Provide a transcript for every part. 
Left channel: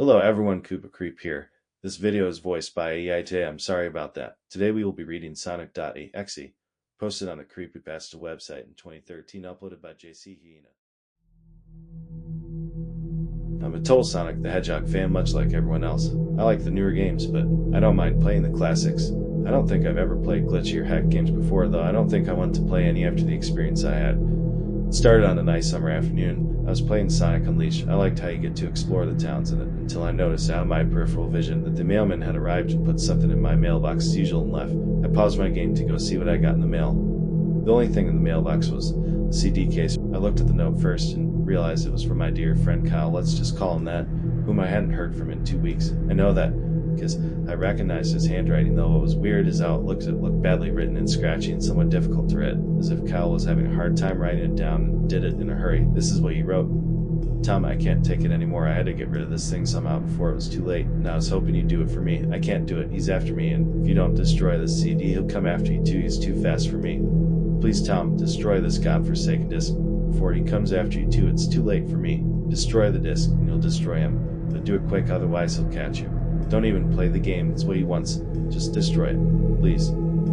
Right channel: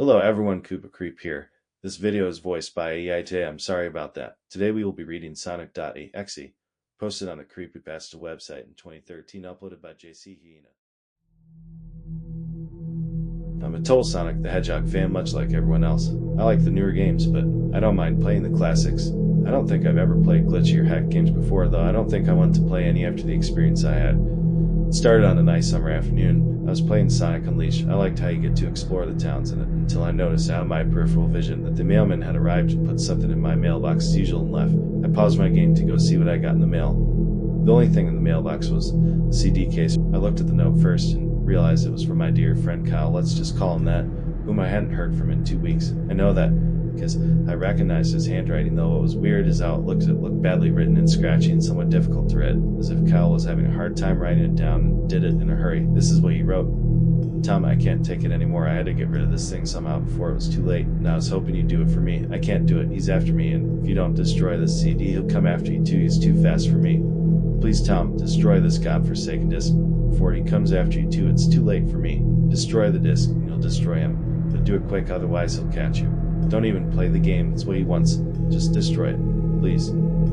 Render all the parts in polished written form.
Hello everyone, Koopa Creep here. This video is voiced by EIT. I'm sorry about that. Today we will be reading Sonic.EXE, posted on the Creepypasta website in 2013, uploaded by JC Hyena. I'm a total Sonic the Hedgehog fan, much like everyone else. I like the newer games, but I don't mind playing the classics. I don't think I've ever played glitchy or hack games before, though I don't think I want to play any after the experience I had. It started on a nice summer afternoon. I was playing Sonic Unleashed. I liked how you get to explore the towns in it, until I noticed out of my peripheral vision that the mailman had arrived and put something in my mailbox as usual and left. I paused my game to go see what I got in the mail. The only thing in the mailbox was the CD case. I looked at the note first and realized it was from my dear friend Kyle, let's just call him that, whom I hadn't heard from in 2 weeks. I know that because I recognized his handwriting, though what was weird is how it looked badly written and scratchy and somewhat difficult to read, as if Kyle was having a hard time writing it down and did it in a hurry. This is what he wrote. Tom, I can't take it anymore. I had to get rid of this thing somehow before it was too late, and I was hoping you'd do it for me. I can't do it. He's after me, and if you don't destroy this CD, he'll come after you too. He's too fast for me. Please, Tom, destroy this godforsaken disc. Before he comes after you too, it's too late for me. Destroy the disc, and you'll destroy him. But do it quick, otherwise he'll catch you. Don't even play the game. It's what he wants. Just destroy it. Please.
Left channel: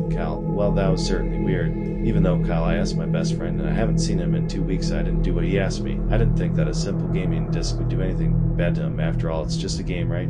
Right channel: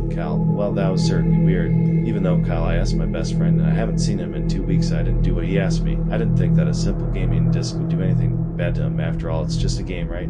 Cal, well, that was certainly weird. Even though, Kyle, I asked my best friend, and I haven't seen him in 2 weeks, I didn't do what he asked me. I didn't think that a simple gaming disc would do anything bad to him. After all, it's just a game, right?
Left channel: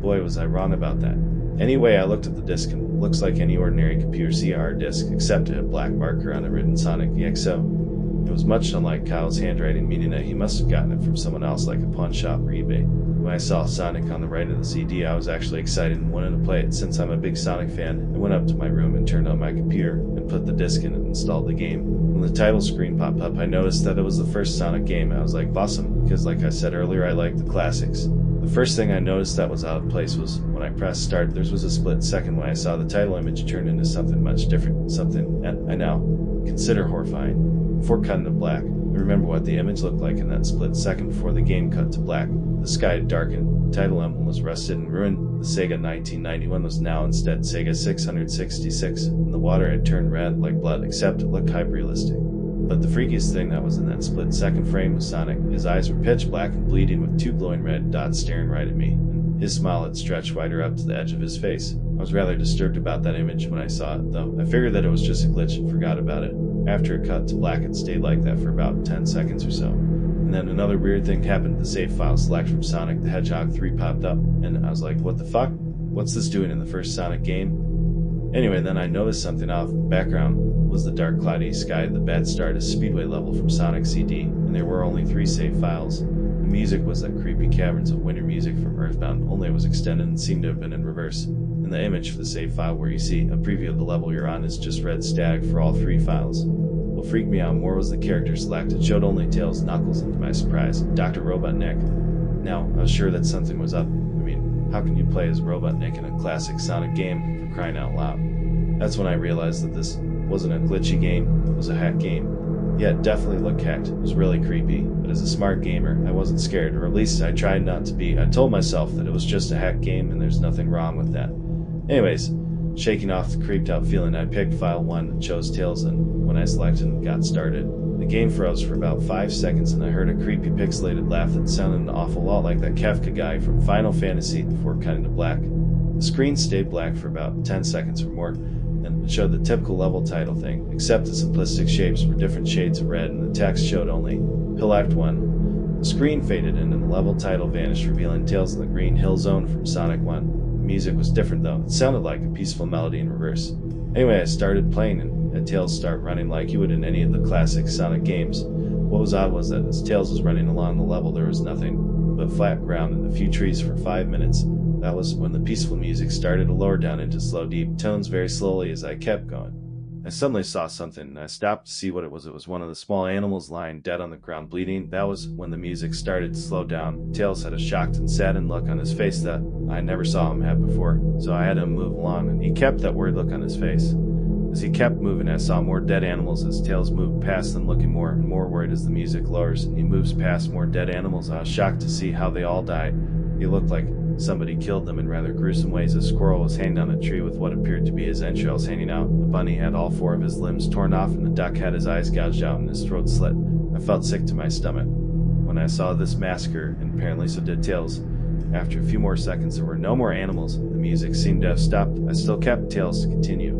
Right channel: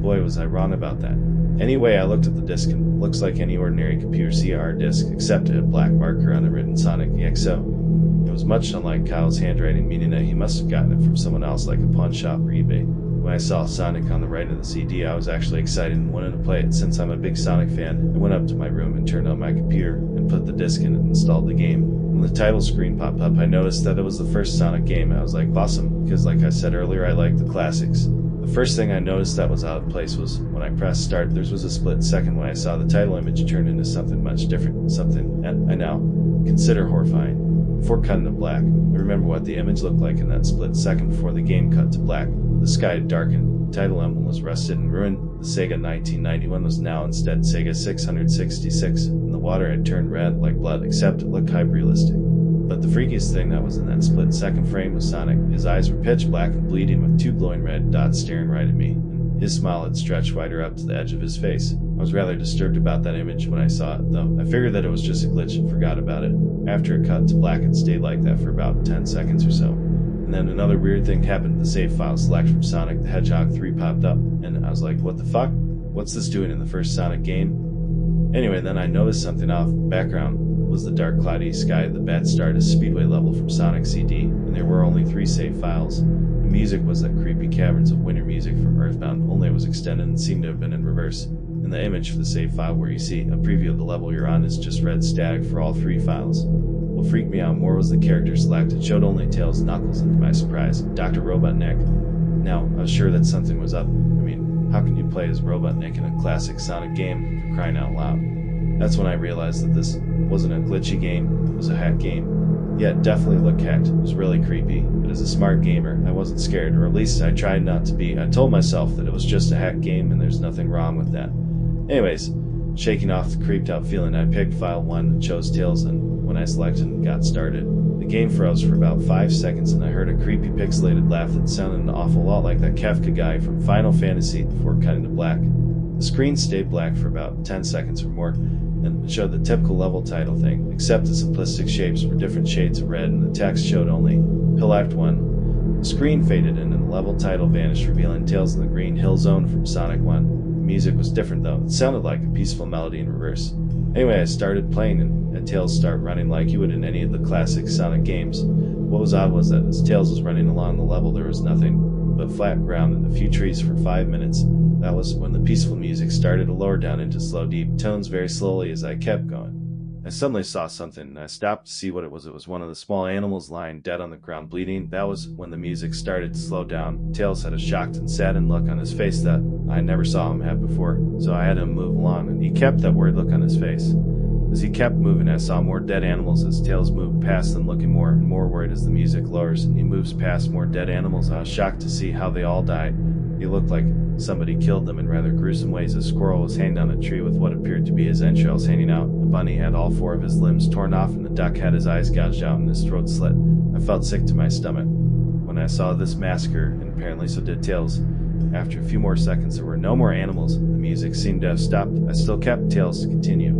Boy, was I wrong about that. Anyway, I looked at the disc, and it looks like any ordinary computer CR disc, except it had a black marker on it written Sonic.EXE. It was much unlike Kyle's handwriting, meaning that he must have gotten it from someone else, like a pawn shop or eBay. When I saw Sonic on the right of the CD, I was actually excited and wanted to play it. Since I'm a big Sonic fan, I went up to my room and turned on my computer and put the disc in and installed the game. When the title screen popped up, I noticed that it was the first Sonic game. I was like, awesome, because like I said earlier, I like the classics. The first thing I noticed that was out of place was when I pressed start, there was a split second when I saw the title image turn into something much different. Something I now consider horrifying. Before cutting to black, I remember what the image looked like in that split second before the game cut to black. The sky had darkened, the title emblem was rusted and ruined, the Sega 1991 was now instead Sega 666, and the water had turned red like blood, except it looked hyper-realistic. But the freakiest thing that was in that split second frame was Sonic. His eyes were pitch black and bleeding with 2 glowing red dots staring right at me, and his smile had stretched wider up to the edge of his face. I was rather disturbed about that image when I saw it, though. I figured that it was just a glitch and forgot about it. After it cut to black, it stayed like that for about 10 seconds or so. And then another weird thing happened. The save file select from Sonic the Hedgehog 3 popped up, and I was like, what the fuck? What's this doing in the first Sonic game? Anyway, then I noticed something off. The background was the dark cloudy sky, the bad start, a speedway level from Sonic CD, and there were only 3 save files. The music was that creepy Caverns of Winter music from Earthbound, only it was extended and seemed to have been in reverse. And the image for the save file where you see a preview of the level you're on is just red static for all 3 files. What freaked me out more was the character select. It showed only Tails and Knuckles, and to my surprise, Dr. Robotnik. Now, I was sure that something was up. I mean, how can you play as Robotnik in a classic Sonic game, for crying out loud? That's when I realized that this wasn't a glitchy game, it was a hack game. Yeah, it definitely looked hacked. It was really creepy, but as a smart gamer, I wasn't scared, or at least I tried not to be. I told myself that it was just a hack game and there's nothing wrong with that. Anyways, shaking off the creeped out feeling, I picked file 1 and chose Tails, and when I selected and got started, the game froze for about 5 seconds and I heard a creepy pixelated laugh that sounded an awful lot like that Kefka guy from Final Fantasy before cutting to black. The screen stayed black for about 10 seconds or more, and it showed the typical level title thing, except the simplistic shapes were different shades of red and the text showed only Hill Act 1. The screen faded in and the level title vanished, revealing Tails in the Green Hill Zone from Sonic 1. The music was different though, it sounded like a peaceful melody in reverse. Anyway, I started playing and had Tails start running like you would in any of the classic Sonic games. What was odd was that as Tails was running along the level, there was nothing but flat ground and a few trees for 5 minutes. That was when the peaceful music started to lower down into slow, deep tones very slowly as I kept going. I suddenly saw something, and I stopped to see what it was. It was one of the small animals lying dead on the ground bleeding. That was when the music started to slow down. Tails had a shocked and saddened look on his face that I never saw him have before, so I had him move along, and he kept that worried look on his face. As he kept moving, I saw more dead animals as Tails moved past them, looking more and more worried as the music lowers, and he moves past more dead animals. I was shocked to see how they all died. He looked like somebody killed them in rather gruesome ways. A squirrel was hanging on a tree with what appeared to be his entrails hanging out. A bunny had all 4 of his limbs torn off, and the duck had his eyes gouged out and his throat slit. I felt sick to my stomach when I saw this massacre, and apparently so did Tails. After a few more seconds, there were no more animals. The music seemed to have stopped. I still kept Tails to continue.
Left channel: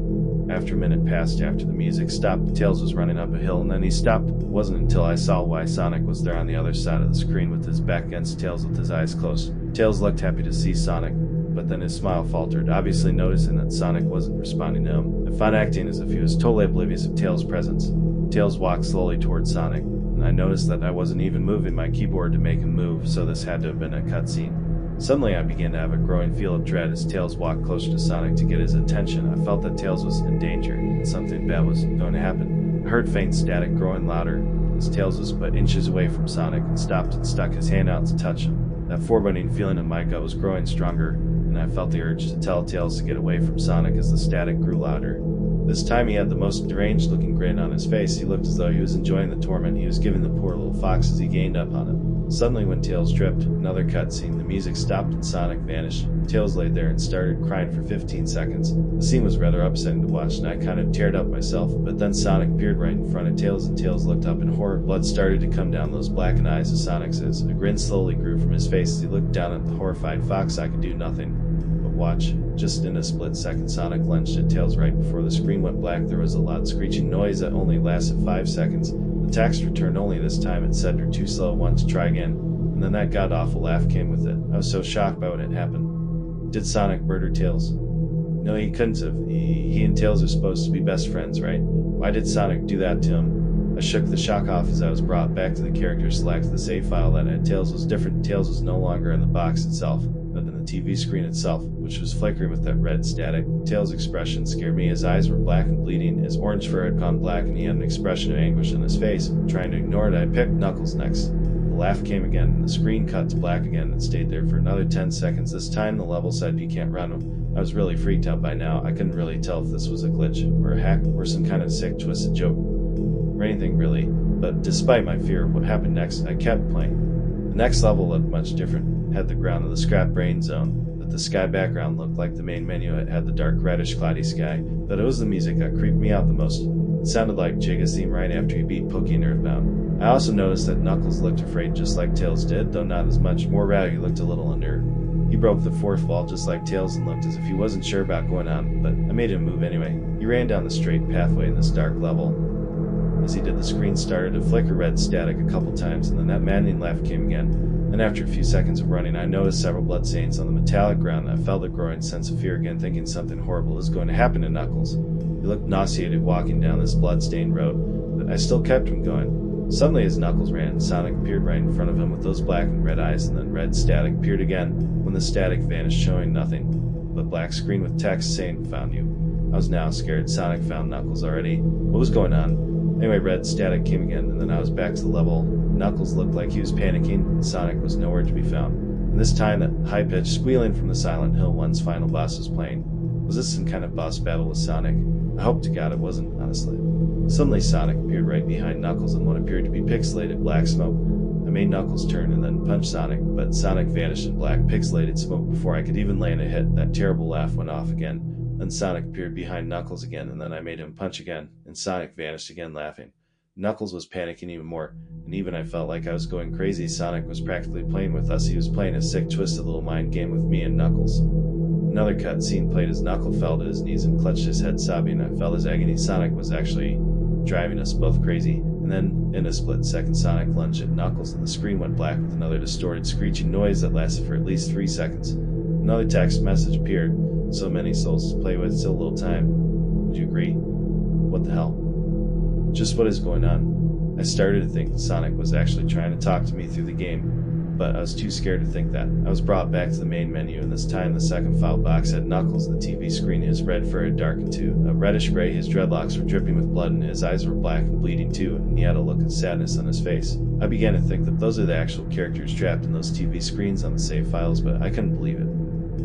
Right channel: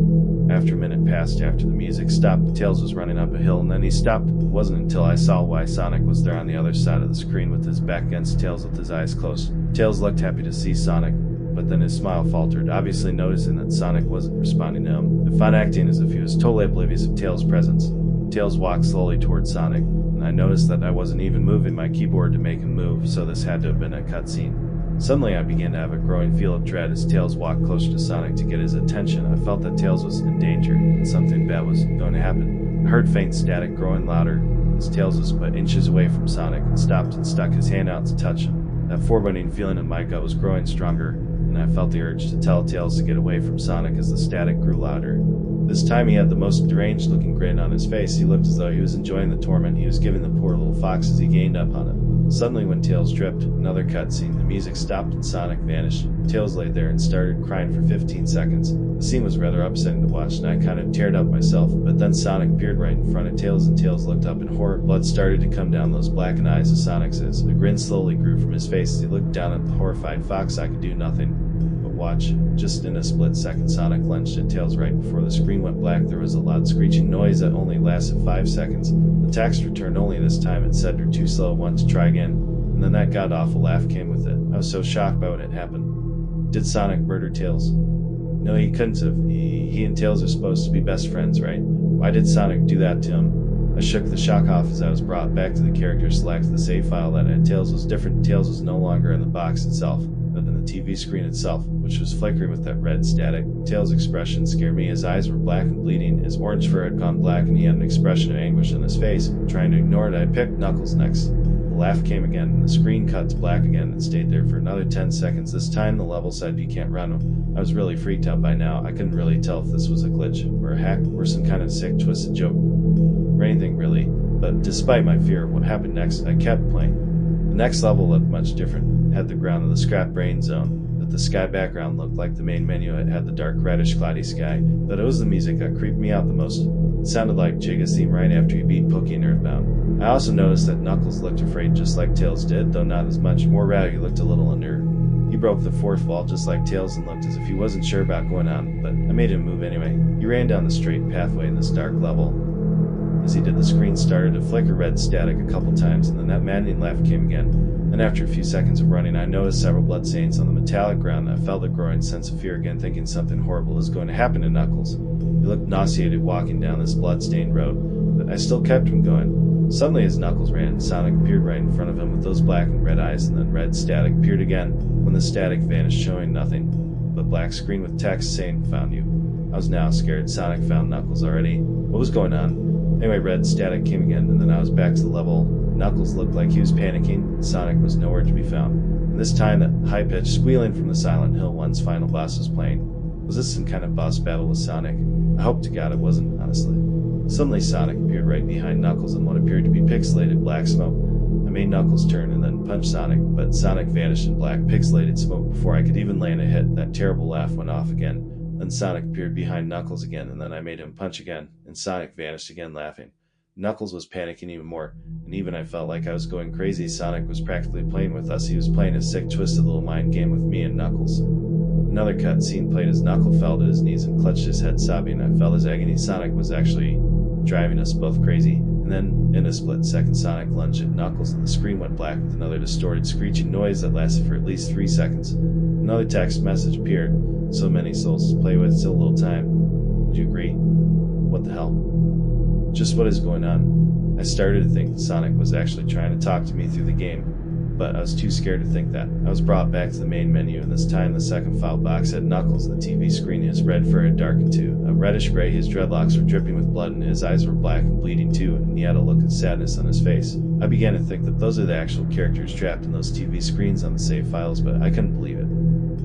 After a minute passed after the music stopped, Tails was running up a hill, and then he stopped. It wasn't until I saw why Sonic was there on the other side of the screen with his back against Tails with his eyes closed. Tails looked happy to see Sonic, but then his smile faltered, obviously noticing that Sonic wasn't responding to him. The fun acting as if he was totally oblivious of Tails' presence. Tails walked slowly towards Sonic, and I noticed that I wasn't even moving my keyboard to make him move, so this had to have been a cutscene. Suddenly I began to have a growing feel of dread as Tails walked closer to Sonic to get his attention. I felt that Tails was in danger, and something bad was going to happen. I heard faint static growing louder as Tails was but inches away from Sonic and stopped and stuck his hand out to touch him. That foreboding feeling in my gut was growing stronger, and I felt the urge to tell Tails to get away from Sonic as the static grew louder. This time he had the most deranged-looking grin on his face. He looked as though he was enjoying the torment he was giving the poor little fox as he gained up on him. Suddenly, when Tails tripped, another cutscene, the music stopped and Sonic vanished. Tails lay there and started crying for 15 seconds. The scene was rather upsetting to watch, and I kind of teared up myself, but then Sonic appeared right in front of Tails, and Tails looked up in horror. Blood started to come down those blackened eyes of Sonic's. A grin slowly grew from his face as he looked down at the horrified fox. I could do nothing but watch. Just in a split second, Sonic lunged at Tails right before the screen went black. There was a loud screeching noise that only lasted 5 seconds. The text returned only this time. It said, "You're too slow, want to try again." And then that god-awful laugh came with it. I was so shocked by what had happened. Did Sonic murder Tails? No, he couldn't have. He and Tails are supposed to be best friends, right? Why did Sonic do that to him? I shook the shock off as I was brought back to the character select. The save file that had Tails was different. Tails was no longer in the box itself, but in the TV screen itself, which was flickering with that red static. Tails' expression scared me. His eyes were black and bleeding, his orange fur had gone black, and he had an expression of anguish on his face. Trying to ignore it, I picked Knuckles next. The laugh came again, and the screen cut to black again and stayed there for another 10 seconds. This time the level said you can't run him. I was really freaked out by now. I couldn't really tell if this was a glitch, or a hack, or some kind of sick, twisted joke, or anything really. But despite my fear of what happened next, I kept playing. The next level looked much different. It had the ground of the scrap brain zone, but the sky background looked like the main menu. It had the dark, reddish, cloudy sky, but it was the music that creeped me out the most. It sounded like Jigga's theme right after he beat Pookie in Earthbound. I also noticed that Knuckles looked afraid just like Tails did, though not as much. More rather, he looked a little under. He broke the fourth wall just like Tails and looked as if he wasn't sure about going on, but I made him move anyway. He ran down the straight pathway in this dark level. As he did, the screen started to flicker red static a couple times, and then that maddening laugh came again. Then after a few seconds of running, I noticed several bloodstains on the metallic ground, and I felt a growing sense of fear again, thinking something horrible is going to happen to Knuckles. He looked nauseated walking down this blood-stained road, but I still kept him going. Suddenly, as Knuckles ran, Sonic appeared right in front of him with those black and red eyes, and then red static appeared again when the static vanished, showing nothing but black screen with text saying, "Found you." I was now scared. Sonic found Knuckles already. What was going on? Anyway, red static came again, and then I was back to the level. Knuckles looked like he was panicking, and Sonic was nowhere to be found. And this time, that high-pitched squealing from the Silent Hill 1's final boss was playing. Was this some kind of boss battle with Sonic? I hope to God it wasn't, honestly. Suddenly, Sonic appeared right behind Knuckles in what appeared to be pixelated black smoke. I made Knuckles turn and then punch Sonic, but Sonic vanished in black pixelated smoke before I could even land a hit. That terrible laugh went off again. Then Sonic appeared behind Knuckles again, and then I made him punch again, and Sonic vanished again laughing. Knuckles was panicking even more, and even I felt like I was going crazy. Sonic was practically playing with us. He was playing a sick, twisted little mind game with me and Knuckles. Another cutscene played as Knuckles fell to his knees and clutched his head, sobbing. I felt his agony. Sonic was actually driving us both crazy. And then, in a split second, Sonic lunged at Knuckles, and the screen went black with another distorted, screeching noise that lasted for at least 3 seconds. Another text message appeared. So many souls to play with, still a little time. Would you agree? What the hell? Just what is going on? I started to think Sonic was actually trying to talk to me through the game, but I was too scared to think that. I was brought back to the main menu, and this time the second file box had Knuckles. The TV screen, his red fur had darkened too. A reddish gray, his dreadlocks were dripping with blood, and his eyes were black and bleeding too, and he had a look of sadness on his face. I began to think that those are the actual characters trapped in those TV screens on the save files, but I couldn't believe it.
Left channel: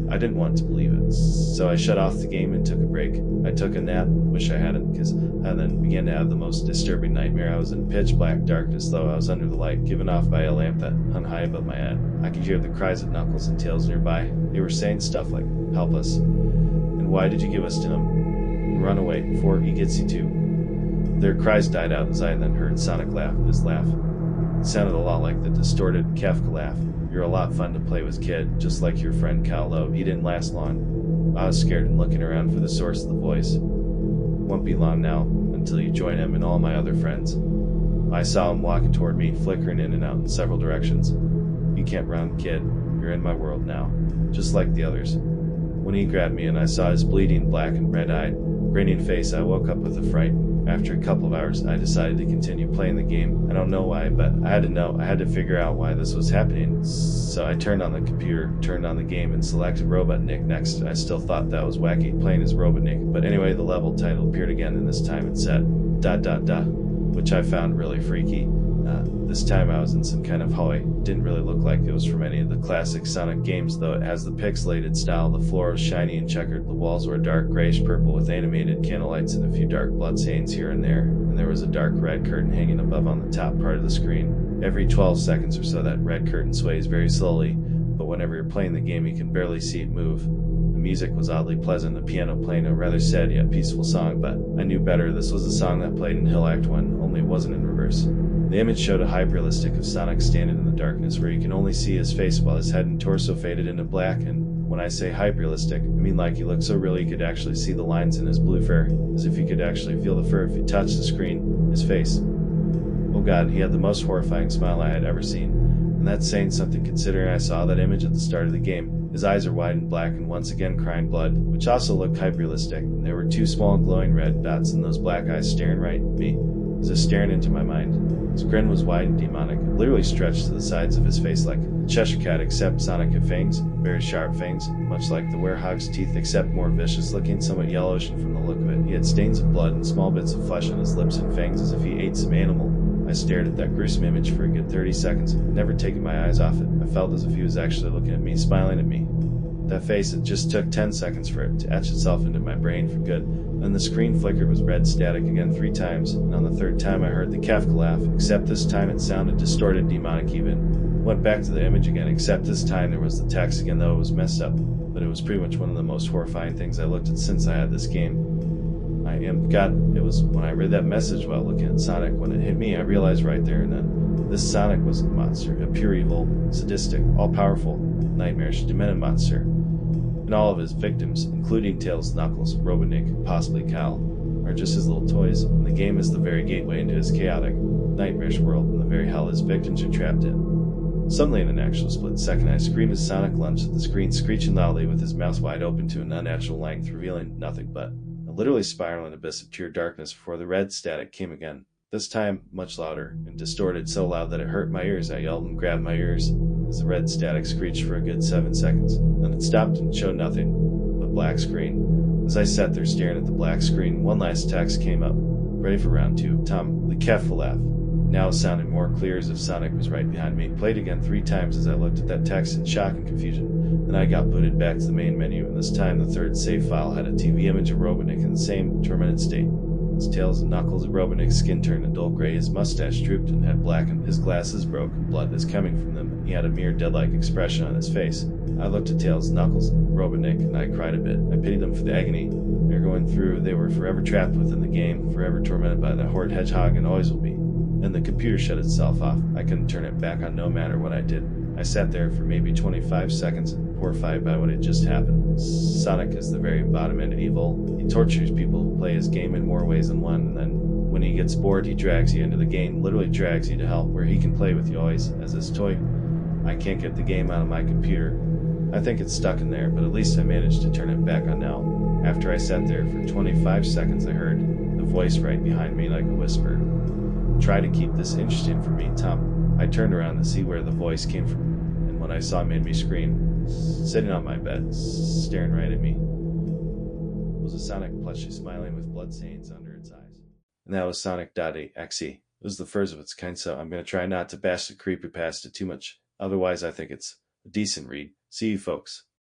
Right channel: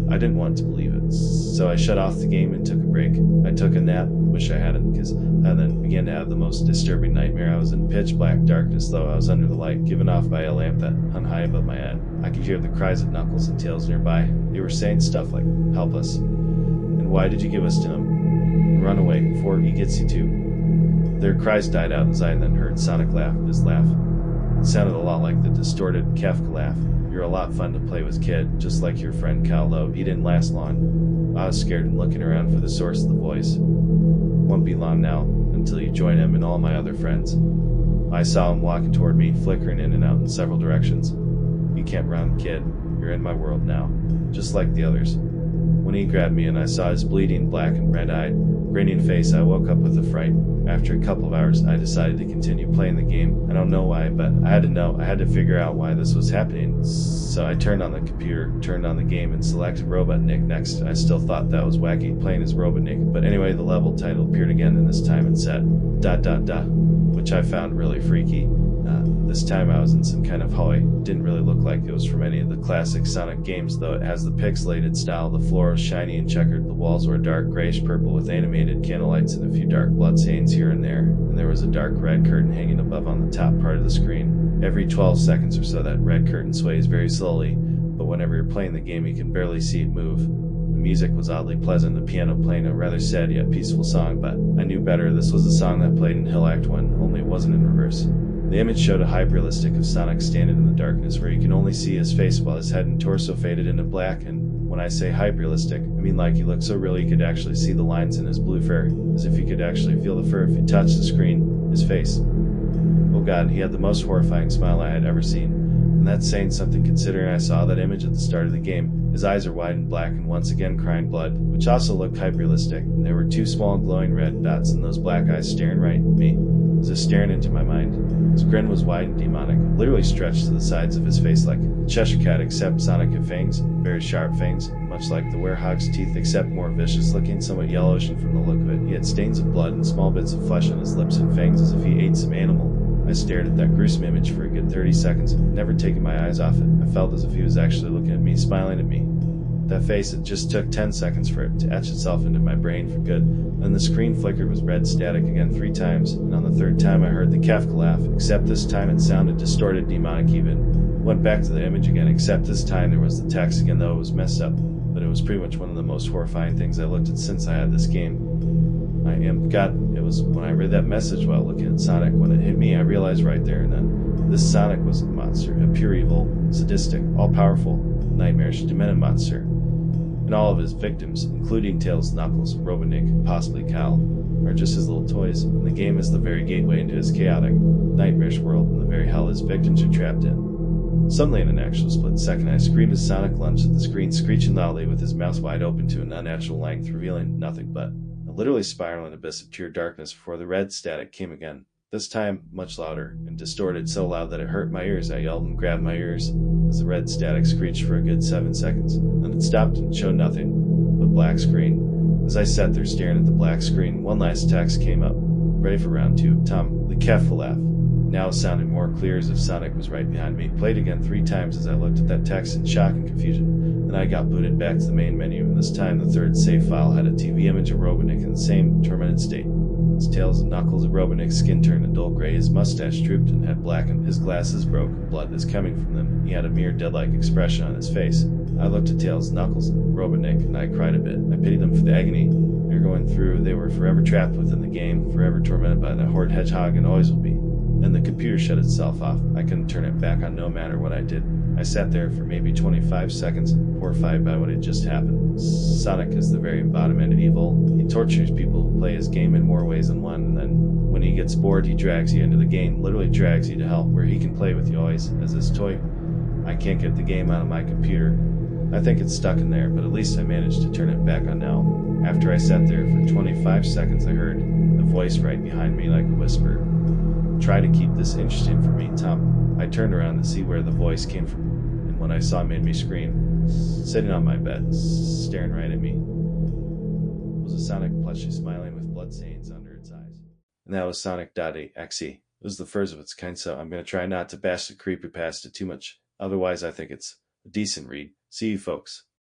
I didn't want to believe it, so I shut off the game and took a break. I took a nap, wish I hadn't, because I then began to have the most disturbing nightmare. I was in pitch black darkness, though I was under the light, given off by a lamp that hung high above my head. I could hear the cries of Knuckles and Tails nearby. They were saying stuff like, "Help us," and "Why did you give us to him?" and "Run away before he gets you too." Their cries died out as I then heard Sonic laugh. His laugh, it sounded a lot like the distorted Kafka laugh. You're a lot fun to play with, kid, just like your friend Cal, though he didn't last long. I was scared and looking around for the source of the voice. Won't be long now, until you join him and all my other friends. I saw him walking toward me, flickering in and out in several directions. You can't run, kid. You're in my world now, just like the others. When he grabbed me and I saw his bleeding, black and red-eyed, grinning face, I woke up with a fright. After a couple of hours, I decided to continue playing the game. I don't know why, but I had to know. I had to figure out why this was happening. So I turned on the computer, turned on the game, and selected Robotnik next. I still thought that was wacky, playing as Robotnik. But anyway, the level title appeared again, and this time it said, ... which I found really freaky. This time I was in some kind of hallway. Didn't really look like it was from any of the classic Sonic games, though it has the pixelated style. The floor was shiny and checkered. The walls were dark grayish-purple with animated candlelights and a few dark blood stains here and there. And there was a dark red curtain hanging above on the top part of the screen. Every 12 seconds or so that red curtain sways very slowly, but whenever you're playing the game you can barely see it move. The music was oddly pleasant, the piano playing a rather sad yet peaceful song, but I knew better. This was the song that played in Hill Act 1, only it wasn't in reverse. The image showed a hyperrealistic of Sonic standing in the darkness where you can only see his face while his head and torso faded into black, and when I say hyperrealistic, I mean like he looked so real you could actually see the lines in his blue fur, as if you could actually feel the fur if you touched the screen, his face. Oh god, he had the most horrifying smile I had ever seen, and that's saying something considering I saw that image at the start of the game. His eyes are wide and black and once again crying blood, which also looked hyperrealistic, and there were two small glowing red dots in those black eyes staring right at me, as if staring into my mind. His grin was wide and demonic, literally stretched to the sides of his face like a Cheshire cat, except Sonic had fangs, very sharp fangs, much like the werehog's teeth, except more vicious looking, somewhat yellowish, and from the look of it, he had stains of blood and small bits of flesh on his lips and fangs as if he ate some animal. I stared at that gruesome image for a good 30 seconds, never taking my eyes off it. I felt as if he was actually looking at me, smiling at me. That face, it just took 10 seconds for it to etch itself into my brain for good. Then the screen flickered with red static again 3 times, and on the 3rd time I heard the Kafka laugh, except this time it sounded distorted, demonic even. Went back to the image again, except this time there was the text again, though it was messed up. But it was pretty much one of the most horrifying things I looked at since I had this game. God, it was when I read that message while looking at Sonic. When it hit me, I realized right there and then, this Sonic was a monster, a pure evil, sadistic, all-powerful, nightmarish, demented monster. And all of his victims, including Tails, Knuckles, Robotnik, possibly Cal, are just his little toys, and the game is the very gateway into his chaotic, nightmarish world and the very hell his victims are trapped in. Suddenly, in an actual split second, I screamed as Sonic lunged at the screen, screeching loudly with his mouth wide open to an unnatural length, revealing nothing but a literally spiraling abyss of pure darkness before the red static came again. This time, much louder, and distorted so loud that it hurt my ears. I yelled and grabbed my ears as the red static screeched for a good 7 seconds. Then it stopped and showed nothing but black screen. As I sat there staring at the black screen, one last text came up. Ready for round 2. Tom, the Kefla laugh. Now it sounded more clear as if Sonic was right behind me. Played again 3 times as I looked at that text in shock and confusion. Then I got booted back to the main menu, and this time the 3rd save file had a TV image of Robotnik in the same tormented state. His tails and knuckles of Robotnik's skin turned a dull gray, his mustache drooped and had blackened, his glasses broke, and blood was coming from them, and he had a mere dead-like expression on his face. I looked at Tails, Knuckles, and Robotnik, and I cried a bit. I pitied them for the agony they were going through. They were forever trapped within the game, forever tormented by the horrid hedgehog, and always will be. Then the computer shut itself off. I couldn't turn it back on no matter what I did. I sat there for maybe 25 seconds, horrified by what had just happened. Sonic is the very embodiment of evil. He tortures people who play his game in more ways than one, and then when he gets bored, he drags you into the game, literally drags you to hell, where he can play with you always as his toy. I can't get the game out of my computer. I think it's stuck in there, but at least I managed to turn it back on now. After I sat there for 25 seconds, I heard a voice right behind me like a whisper. Try to keep this interesting for me, Tom. I turned around to see where the voice came from, and what I saw made me scream. Sitting on my bed, staring right at me, was a Sonic plushie smiling with bloodstains under its eyes. And that was Sonic.EXE. It was the first of its kind, so I'm going to try not to bash the Creepypasta too much. Otherwise, I think it's a decent read. See you folks.